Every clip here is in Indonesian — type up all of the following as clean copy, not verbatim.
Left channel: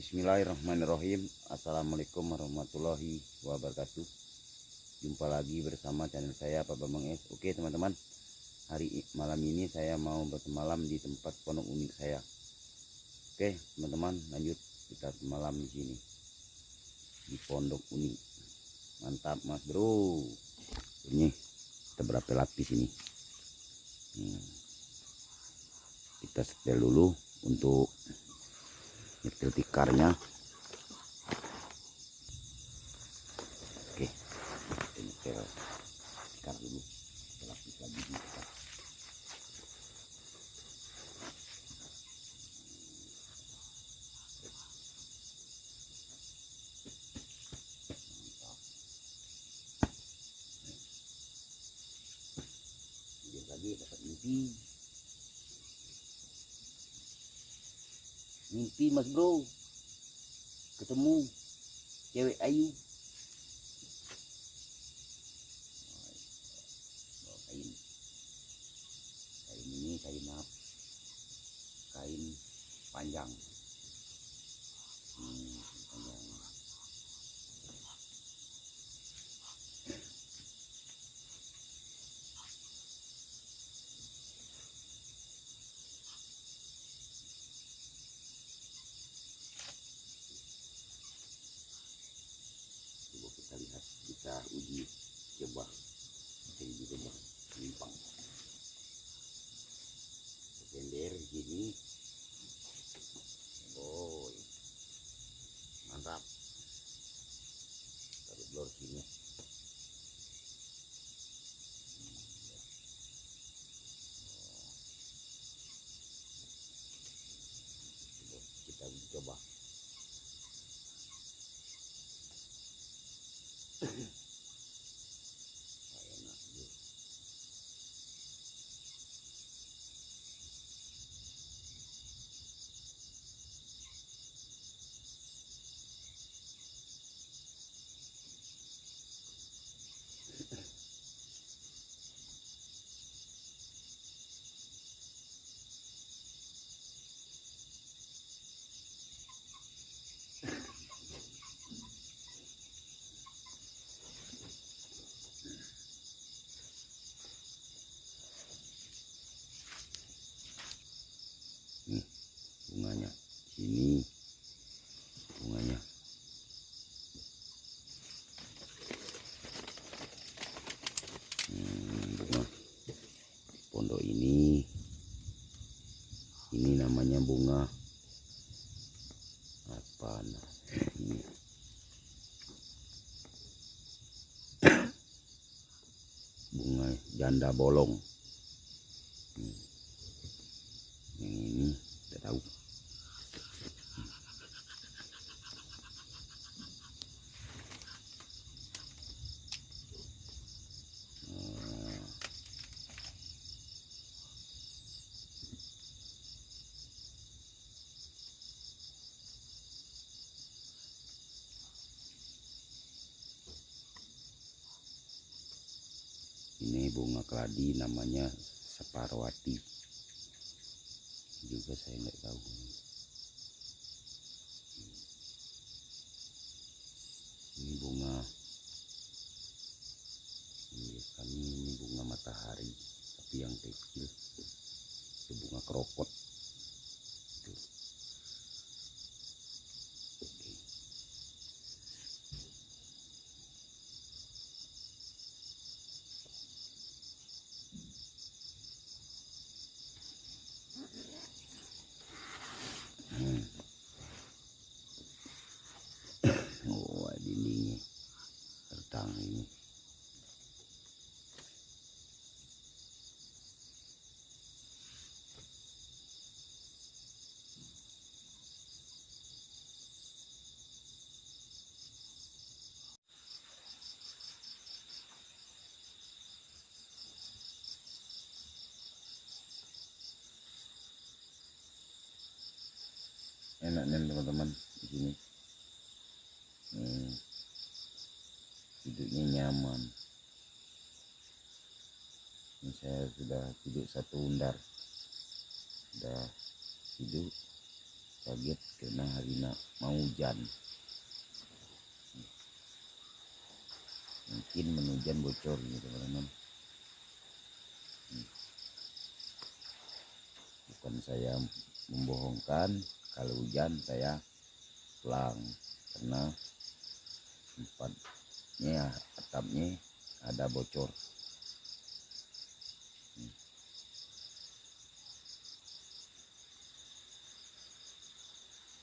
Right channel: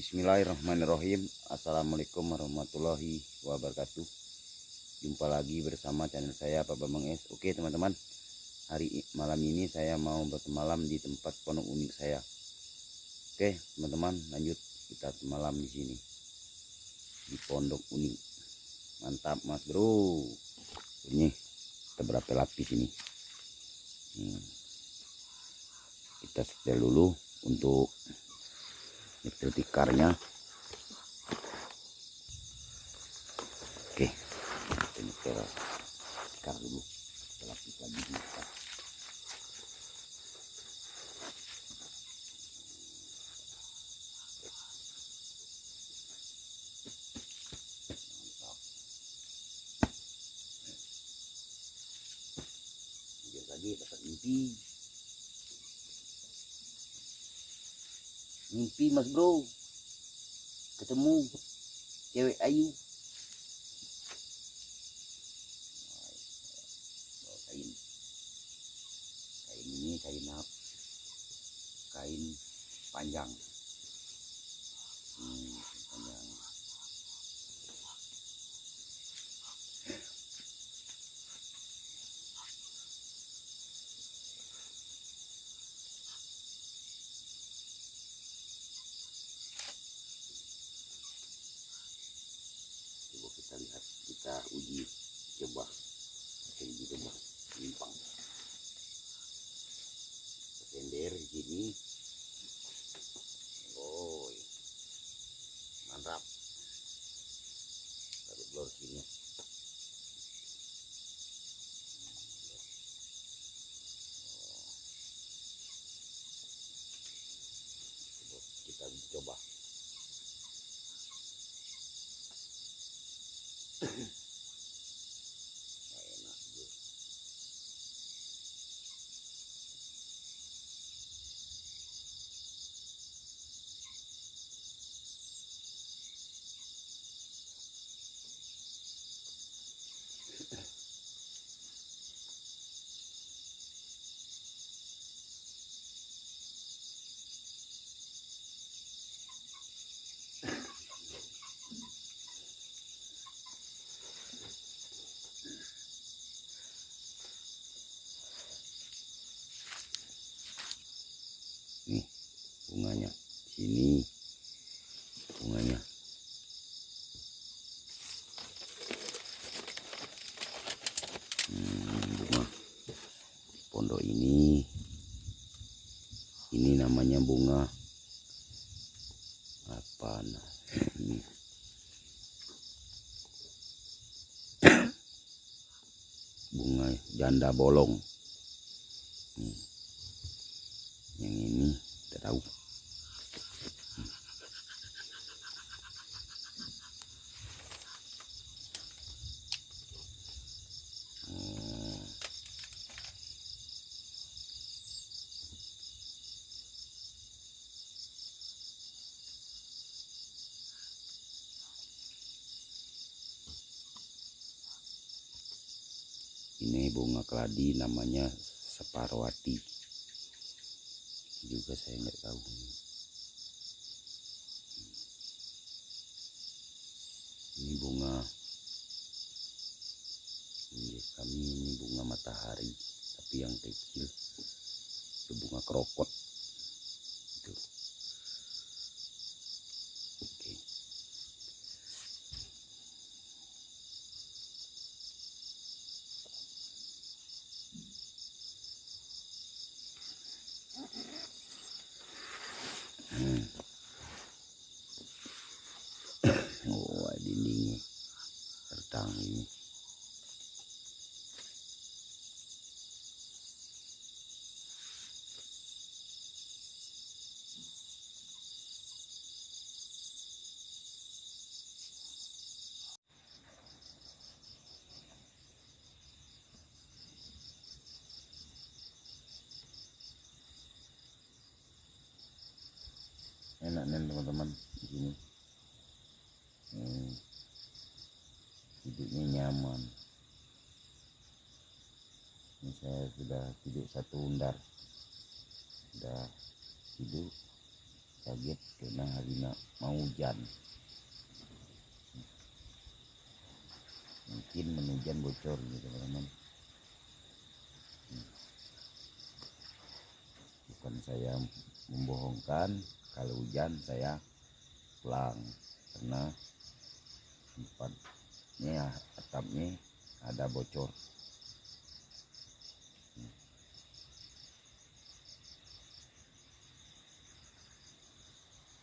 Bismillahirrahmanirrahim. Assalamualaikum warahmatullahi wabarakatuh. Jumpa lagi bersama channel saya Pak Bambang S. Oke teman-teman, malam ini saya mau bermalam di tempat pondok unik saya. Oke teman-teman, lanjut kita malam di sini di pondok unik. Mantap mas bro. Ini kita berapa lapis ini? Kita setel dulu untuk nyetel tikarnya. Oke, kita nyetel tikar dulu. Kita lapis lagi di tikar. Mantap. Biar lagi dapat mimpi mas bro, ketemu cewek ayu. Kain ini kain apa? Kain panjang. Panjang. Coba kita lihat, kita uji coba. Limpang. Tender gini. Boy. Mantap. Taruh blur sini. Kita coba. Enak juga. Nih bunganya sini, bunganya bunga pondok ini namanya bunga apa nah ini bunga janda bolong. Yang ini tidak tahu. Ini bunga keladi namanya separwati. Juga saya nggak tahu. Ini bunga kami, ini bunga matahari, tapi yang kecil itu bunga krokot. Itu. Oke. Oh, dindingnya tertang ini. Enak nih teman-teman di sini. Hidupnya nyaman. Ini saya sudah tidur satu undar, sudah tidur kaget karena harina mau hujan, mungkin menujan bocor gitu teman-teman. Bukan saya membohongkan, kalau hujan saya pulang karena tempatnya atapnya ada bocor.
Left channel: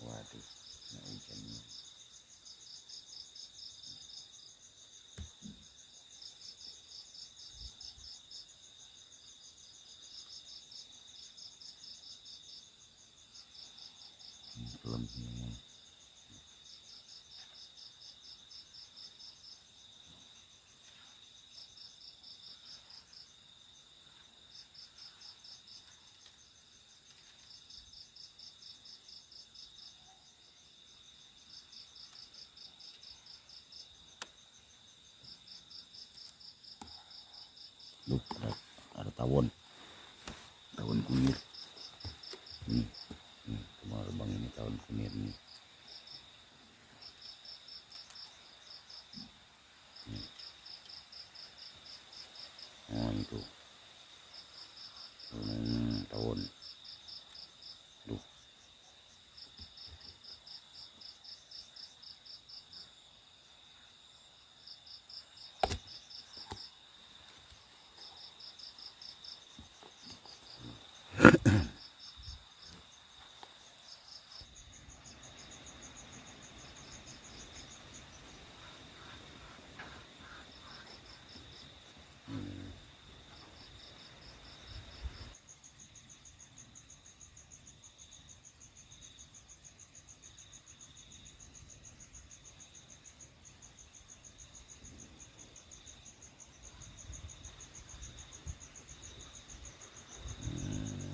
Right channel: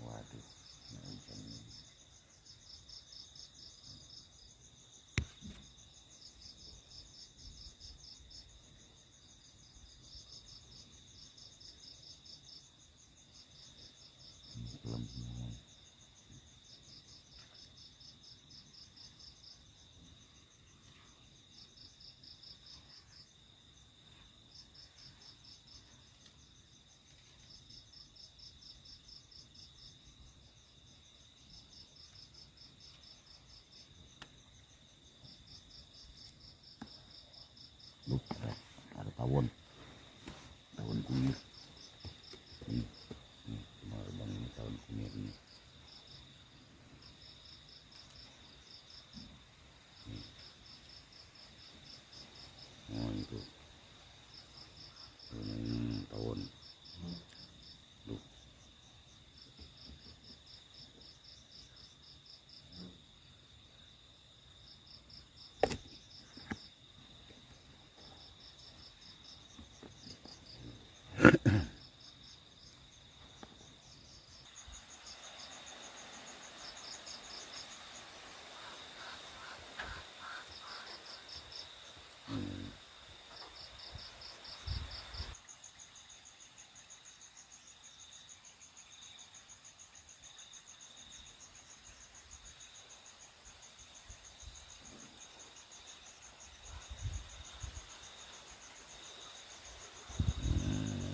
Waduh, nah hujannya. Filmnya. Loh, ada tawon kunir. Nih, terbang ini tawon kunir nih. Oh itu tawon. Duh.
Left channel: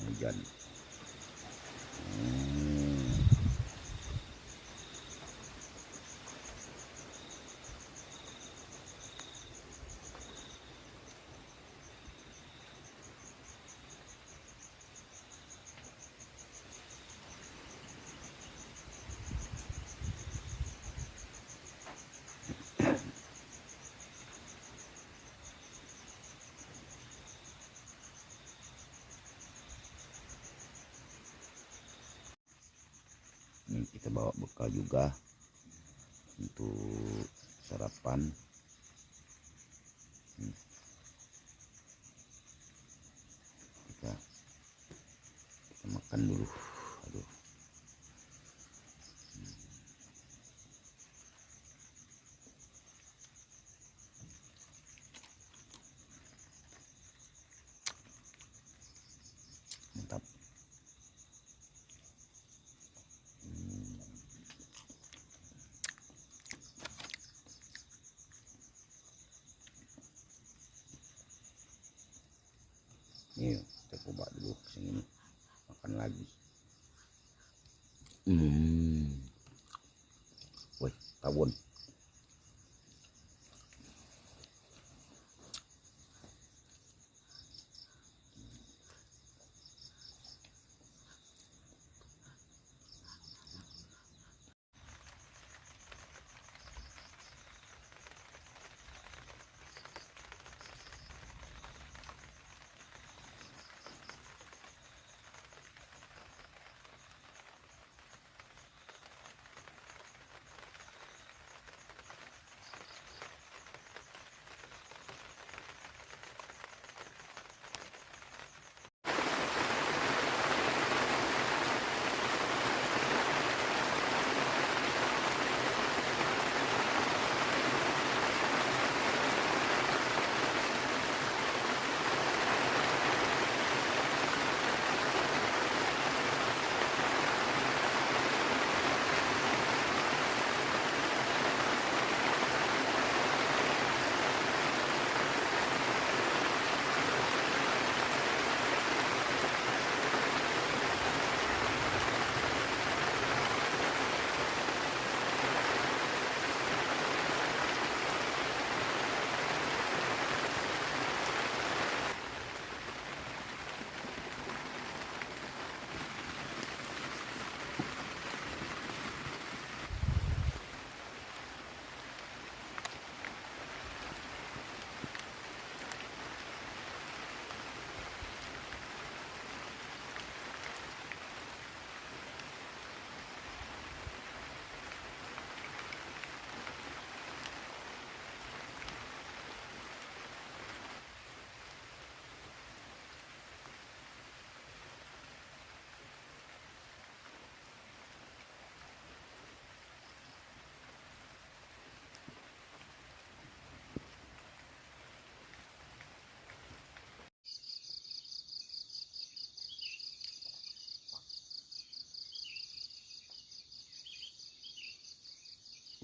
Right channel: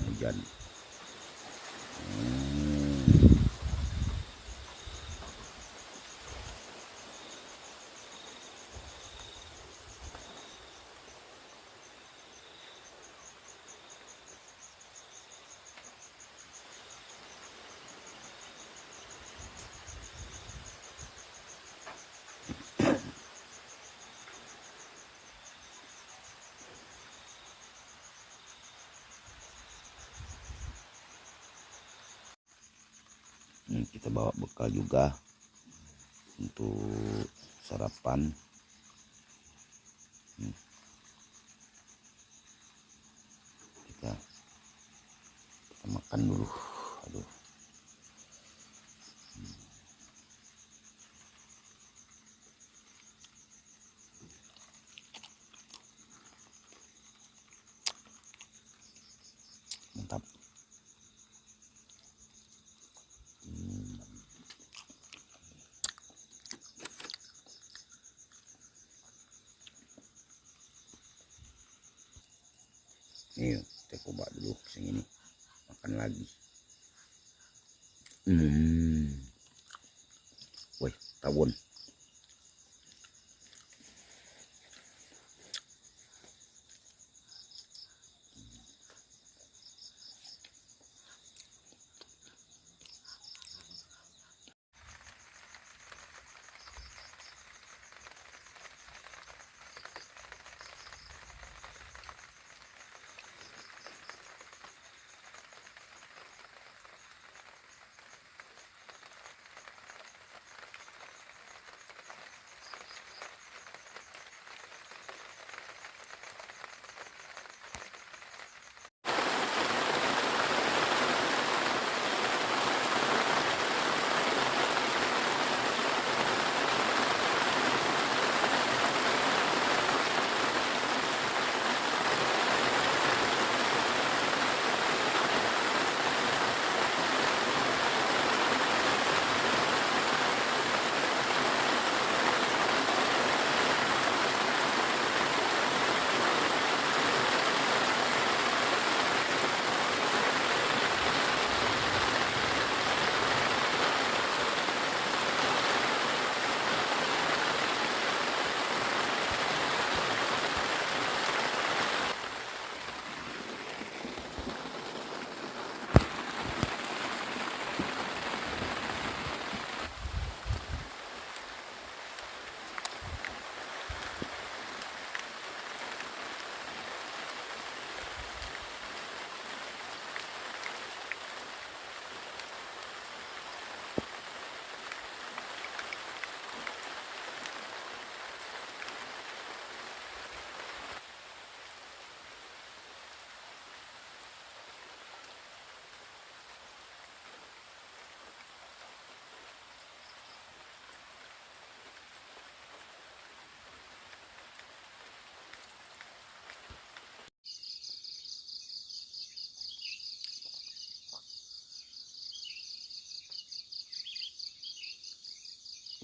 Hujan. Ini kita bawa bekal juga untuk sarapan. Kita makan dulu. Aduh. Mantap. Nih, kita coba dulu yang ini. Makan lagi. Wih, tawon.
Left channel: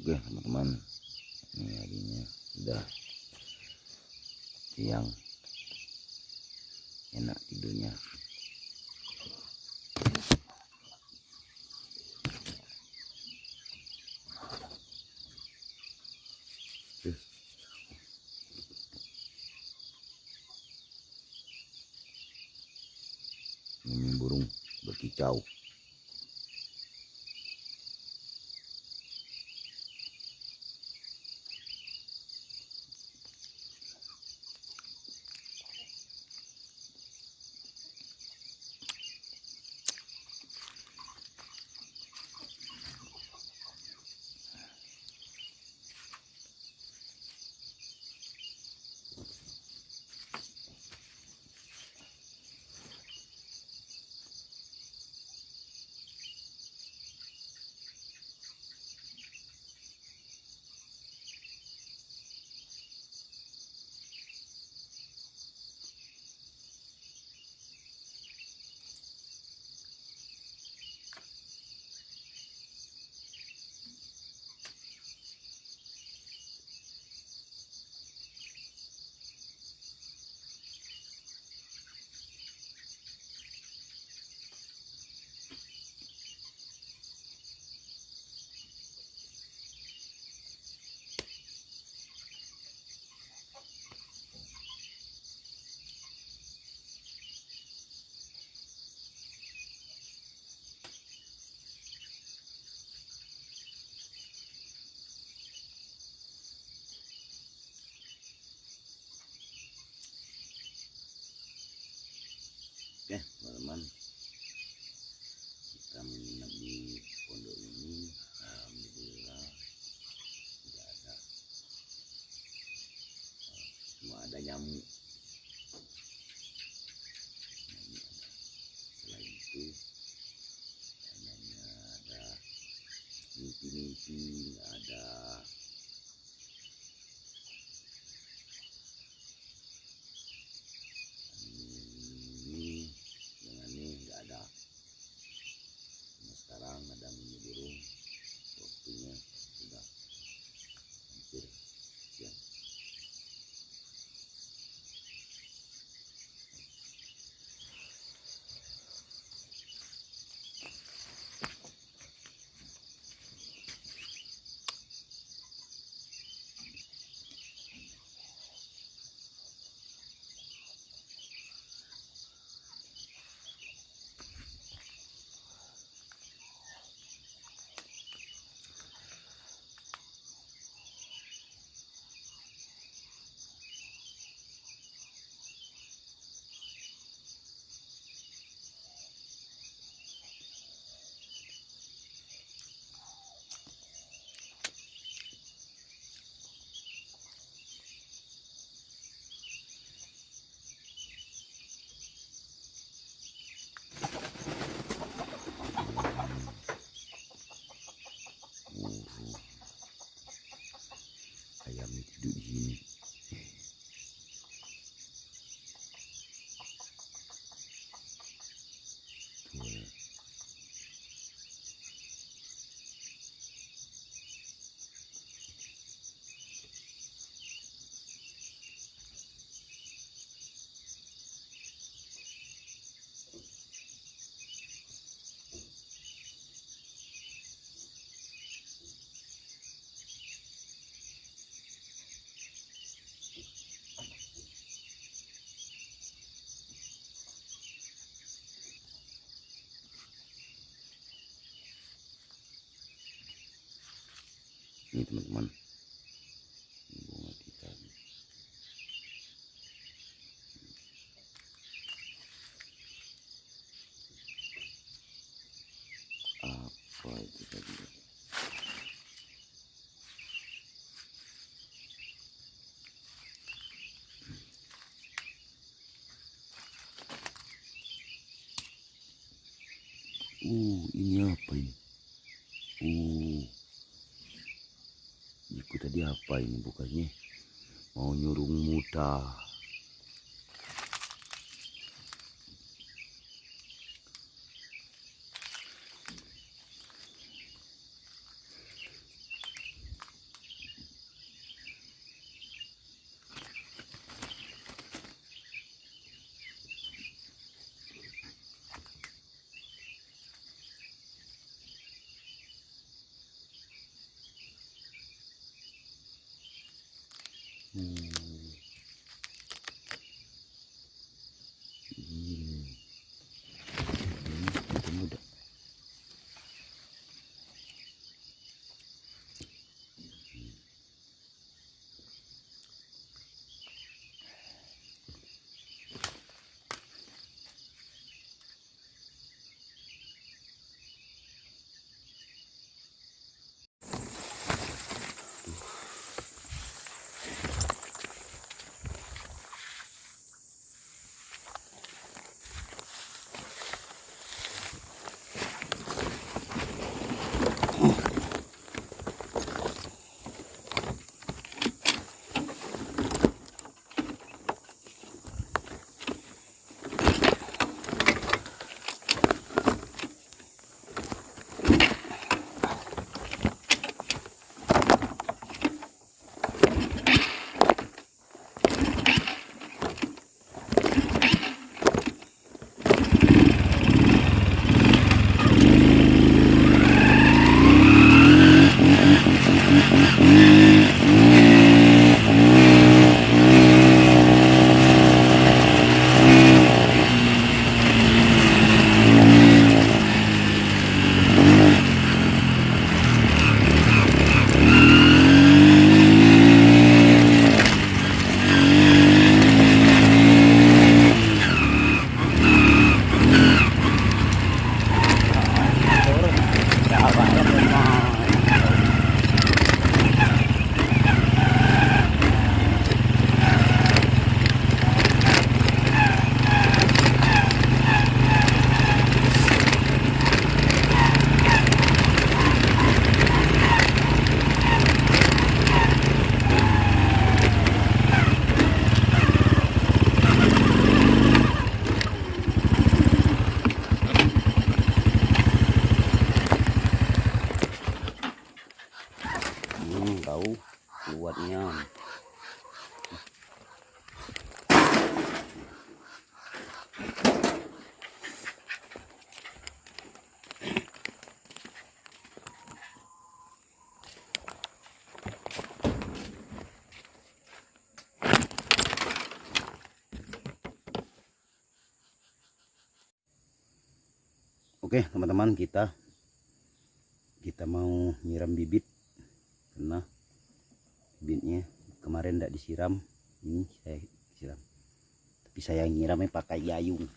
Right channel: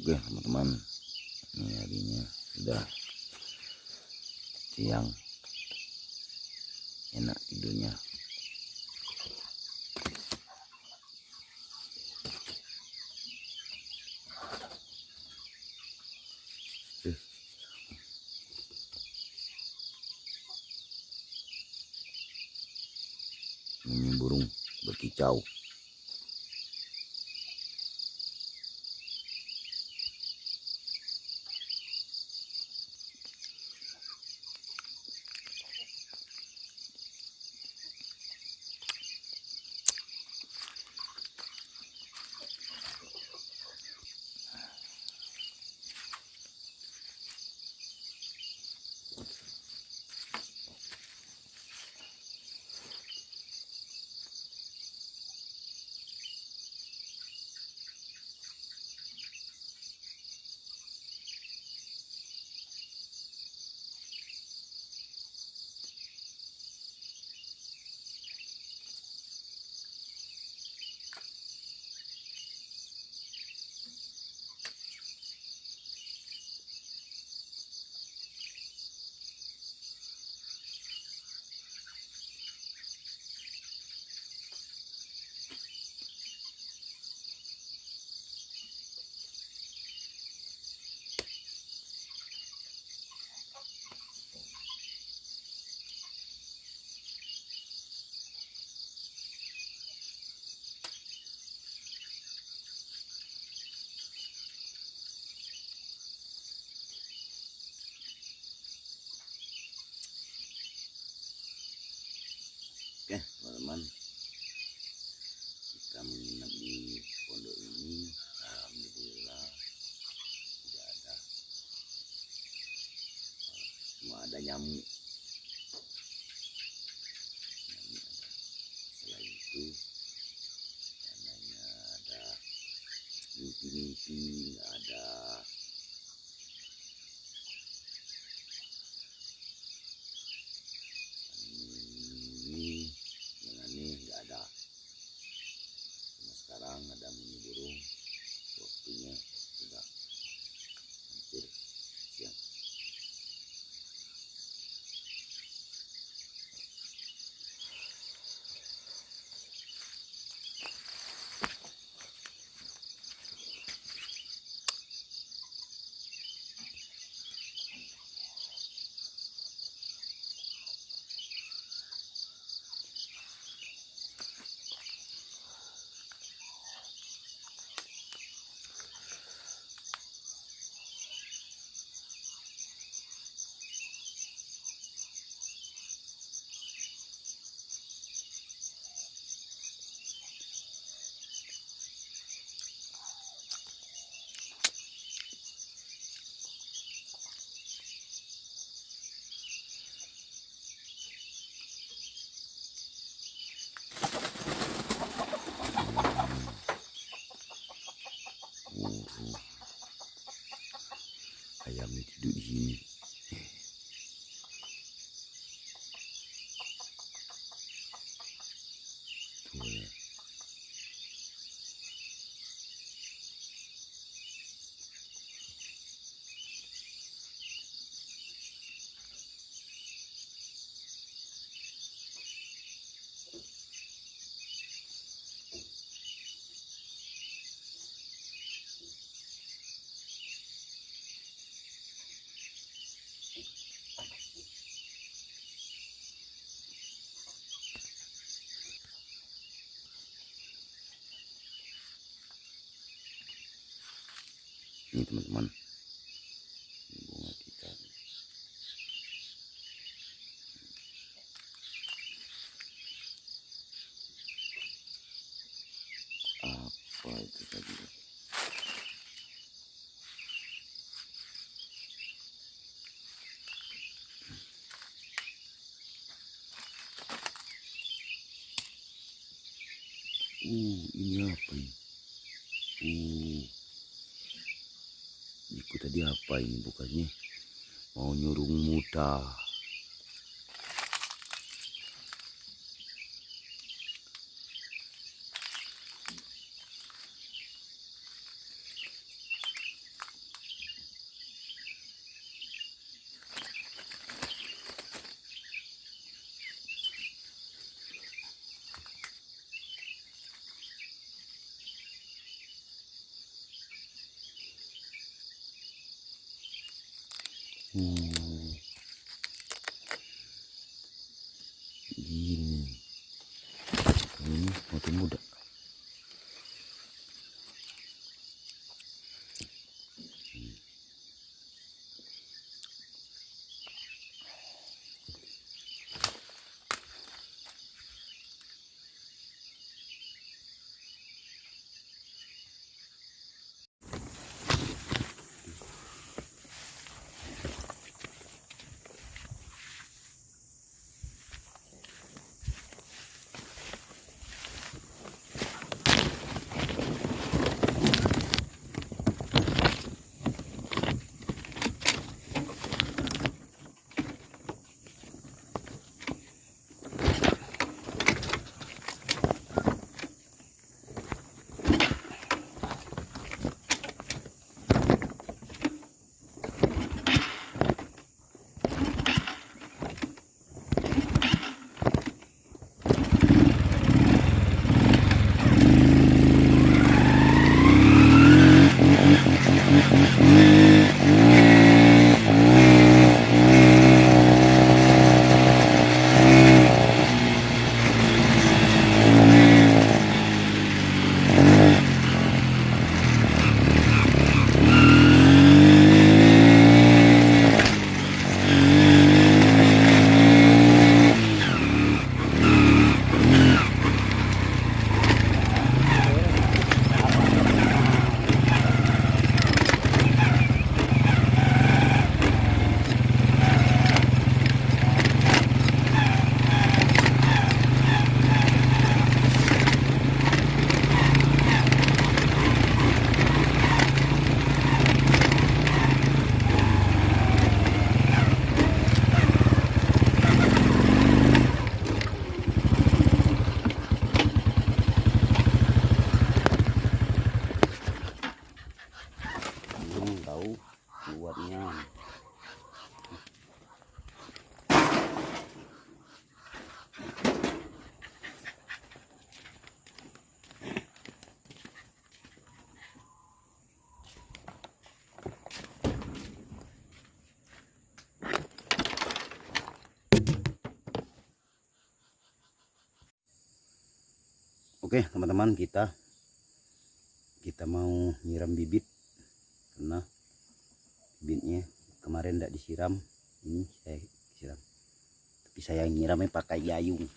Oke teman-teman, ini harinya sudah siang, enak tidurnya. Ini burung berkicau. Oke teman-teman, kita menginap di pondok ini. Alhamdulillah tidak ada, cuma ada nyamuk ada. Selain itu tandanya ada mimpi-mimpi nggak ada. Sekarang ada mini burung, waktunya sudah hampir siang. Ayam tidur di sini. Tuh ya. Ini teman-teman, bunga kita apa itu tadi? Ini apa ini? Itu tadi apa ini? Bukannya mau nyurung muta. Hmm, gini. Ini masih muda. Tahu kuatnya. Oke teman-teman, kita mau nyiram bibit karena bibitnya kemarin tidak disiram. Ini saya siram, tapi saya nyiramnya pakai gayung.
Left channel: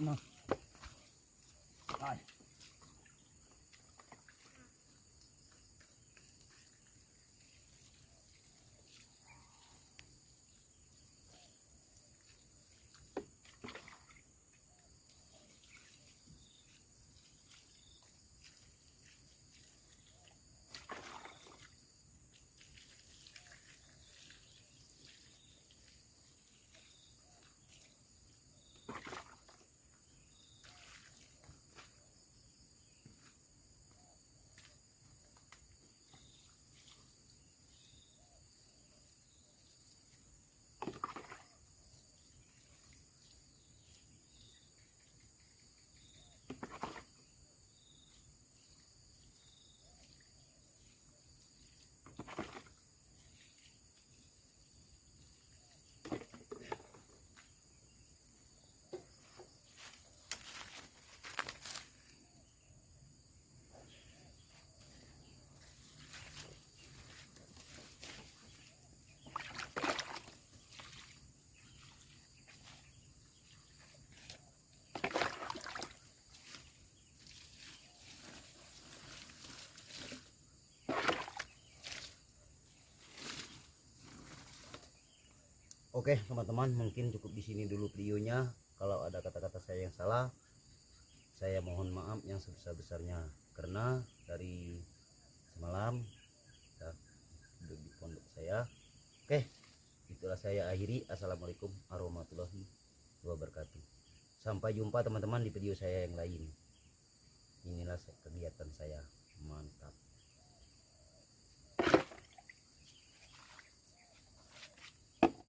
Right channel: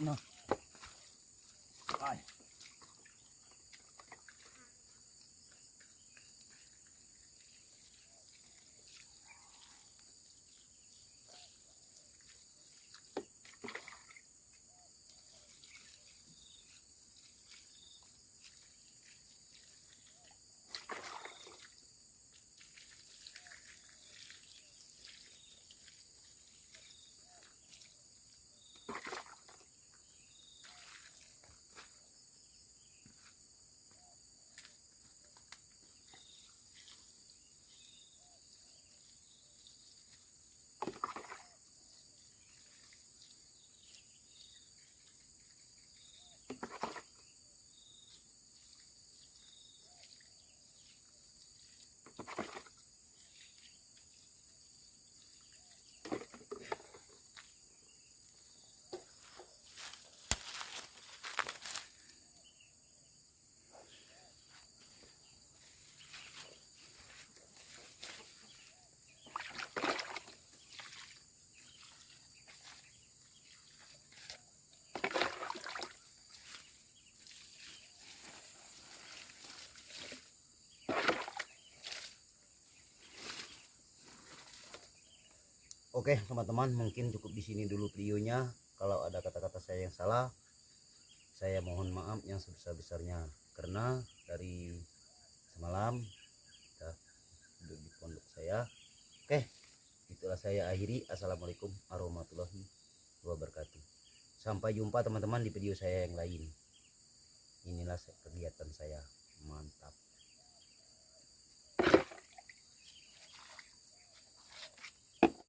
Nah. Ay. Oke teman-teman, mungkin cukup di sini dulu videonya. Kalau ada kata-kata saya yang salah, saya mohon maaf yang sebesar-besarnya, karena dari semalam kita duduk di pondok saya. Oke, itulah saya akhiri. Assalamualaikum warahmatullahi wabarakatuh. Sampai jumpa teman-teman di video saya yang lain. Inilah kegiatan saya, mantap.